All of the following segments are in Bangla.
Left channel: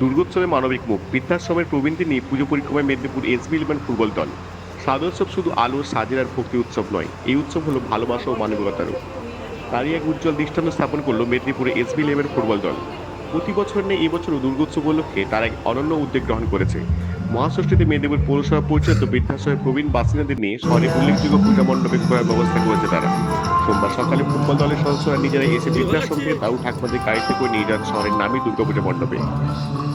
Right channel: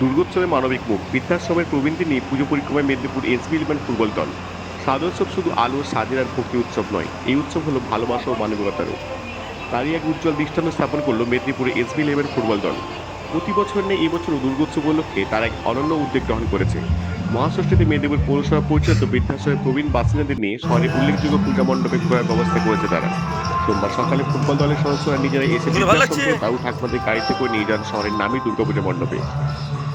দুর্গোৎসবে মানবিক মুখ বৃদ্ধাশ্রমের প্রবীণদের নিয়ে পুজো পরিক্রমায় মেদিনীপুর SB11 ফুটবল দল। সাদোৎসব শুধু আলো সাজের আর ভক্তি উৎসব নয়, এই উৎসব হলো ভালোবাসা ও মানবিকতারও। তারই এক উজ্জ্বল দৃষ্টান্ত স্থাপন করলো মেদিনীপুরে SB11 ফুটবল দল। প্রতি বছর নেই এবছরও দুর্গোৎসব উপলক্ষে তারা এক অনন্য উদ্যোগ গ্রহণ করেছে। মহাষষ্ঠীতে মেদিনীপুর পৌরসভা পরিচালিত বৃদ্ধাশ্রমের প্রবীণ বাসিন্দাদের নিয়ে শহরে উল্লেখযোগ্য পূজা মণ্ডপে ঘোরার ব্যবস্থা করেছে তারা। সোমবার সকালে ফুটবল দলের সদস্যরা নিজেরা এসে বলে ভালো বৃদ্ধাশ্রম লাগছে। থেকে দাউ ঠাকমাদের গাড়িতে করে নিয়ে যান শহরের নামী দুর্গাপূজা মণ্ডপে।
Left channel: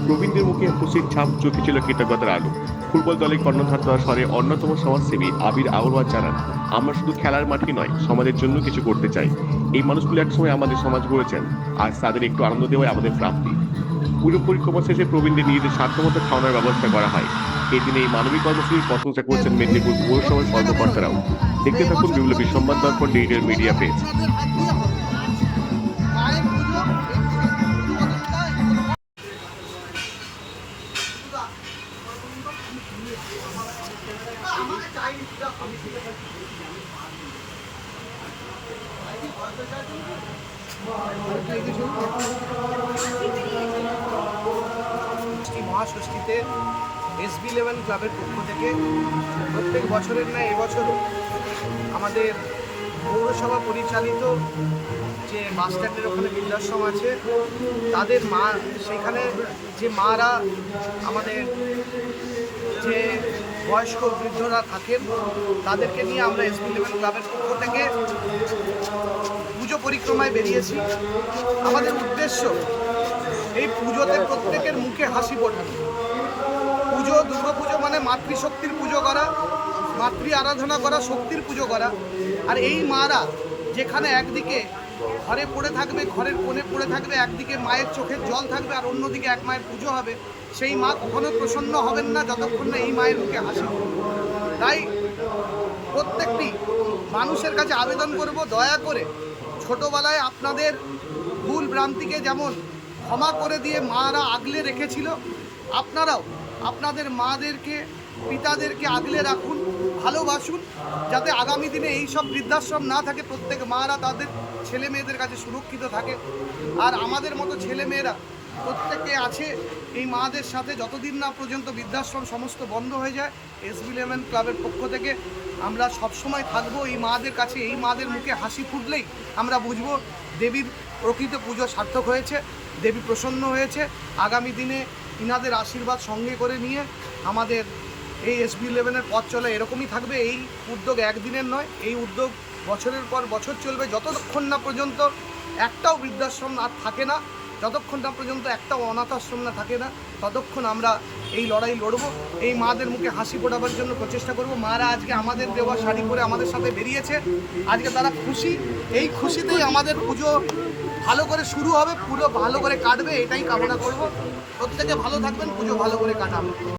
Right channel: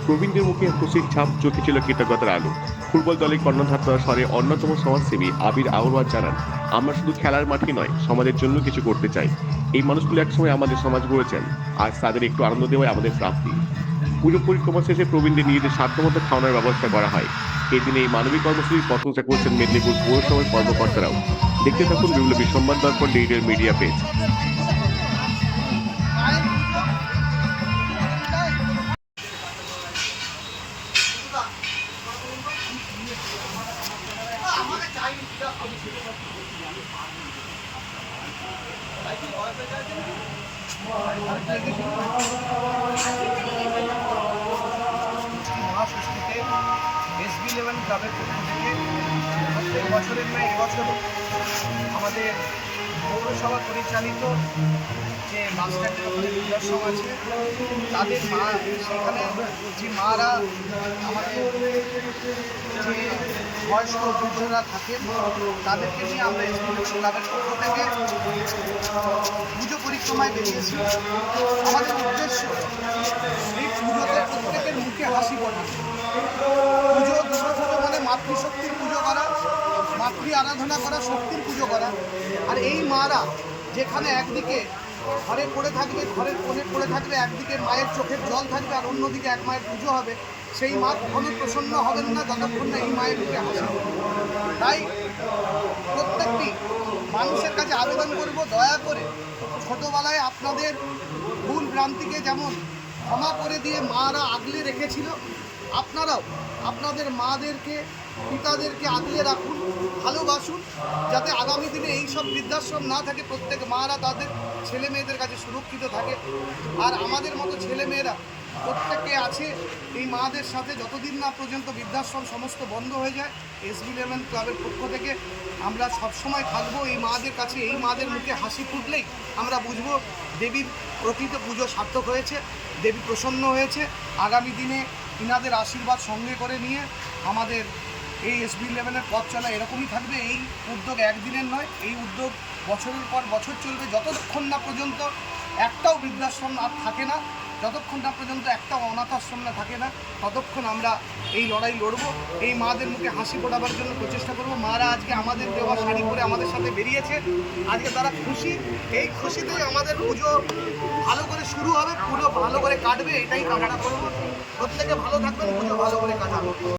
প্রবীণদের মুখে খুশির ছাপ, চোখে ছিল কৃতজ্ঞতার আলো। ফুটবল দলের কর্ণধার তথা শহরের অন্যতম সমাজসেবী আবির আউরওয়াজ জানান, আমরা শুধু খেলার মাঠে নয়, সমাজের জন্য কিছু করতে চাই। এই মানুষগুলো একসময় আমাদের সমাজ গড়েছেন, আজ তাদের একটু আনন্দ দেওয়াই আমাদের প্রাপ্তি। পুজো পরিক্রমা শেষে প্রবীণদের নিজেদের সাধ্যমতো খাওয়ানোর ব্যবস্থা করা হয়। এই দিনে এই মানবিক কর্মসূচির প্রশংসা করছেন মেদিনীপুর পৌরসভার কর্মকর্তারাও। দেখতে থাকুন বিপ্লবী সংবাদ দর্পণ ডিজিটাল মিডিয়া পেজ। মহাষষ্ঠীতে SB11 ক্লাবের পক্ষ থেকে প্রত্যেক বছরের ন্যায় এবছরও আমাদের পৌরসভা পরিচালিত যে বাস স্ট্যান্ডের ওখানে বৃদ্ধাশ্রম আছে, তাদের মা, সেখানে যে মারা আমাদের যে বয়স্ক বৃদ্ধরা থাকেন, তাদেরকে নিয়ে আমরা SB11 ক্লাবের পক্ষ থেকে পুজো পরিক্রমায় বেরিয়েছি। আমাদের উদ্দেশ্য এই পুজোতে প্রত্যেকের মুখে হাসি ফোটানো। দুর্গাপুজো মানে মাতৃশক্তির পুজো করা, মাতৃ আরাধনা করা, শক্তির পুজো করা। আর এই মারা যেখানে একদিকে ঘরে পড়ে থাকবে, ঘরের কোণে পড়ে থাকবে, একদিকে মায়ের চোখের জল থাকবে আর অন্যদিকে এক মায়ের পুজো হবে, সেই মা কখনোই প্রসন্ন হবেন না যতক্ষণ না এই মায়ের মুখে হাসি। তাই প্রত্যেকটি মানুষের কাছে আবেদন করব, দয়া করে ছোটোবেলায় আপনাদের ভুল ভ্রান্তিকে যেমন ক্ষমা করে দিয়ে মারা আগলে রেখেছিল, আপনারাও আপনাদের মাদেরকে, পিতাদেরকে আগলে রাখুন, ভালোবাসুন, যাতে আগামী দিনে এই সব বৃদ্ধাশ্রম না থাকে, প্রত্যেক মারা তাদের ছেলে মেয়েদের কাছে সুরক্ষিত থাকে। আর আমাদের মতো ছেলে মেয়েরা প্রত্যেকে আছে এই মাদের সাথে, যতদিন না পর্যন্ত বৃদ্ধাশ্রম সমস্ত বন্ধ হয়ে যায়। SB11 ক্লাবের পক্ষ থেকে আমরা সবসময় থাকবো এই মাদের কাছে। এই মাদের মুখে হাসি ফুটলেই আমরা বুঝবো দেবীর প্রকৃত পুজো সার্থক হয়েছে, দেবী প্রসন্ন হয়েছে। আগামী দিনে ইনাদের আশীর্বাদ সঙ্গে করে নিয়ে আমাদের এই SB11-এর পথ চলা এরকমই থাকবে। এই উদ্যোগ একদিনের নয়, এই উদ্যোগ বছরের পর বছর চলবে, যতক্ষণ না পর্যন্ত একটাও বৃদ্ধাশ্রম আর থাকে না, যতক্ষণ না পর্যন্ত একটাও অনাথ আশ্রম না থাকে না, ততক্ষণ আমরা এই লড়াই লড়ব। এই মাদের মুখে হাসি ফোটাবার জন্য প্রচেষ্টা করব। মারা আজকে আমাদের দেওয়া শাড়ি পরে আমাদের সাথে বেরিয়েছে, আজকে তারা খুশি। এই খুশিতেই আমাদের পুজো ভালো করে শুরু হবে, পুরো ভালো করে কাটবে, এটাই কামনা করব। প্রত্যেকে ভালো থাকবেন, পুজো ভালো করে কাটাবো।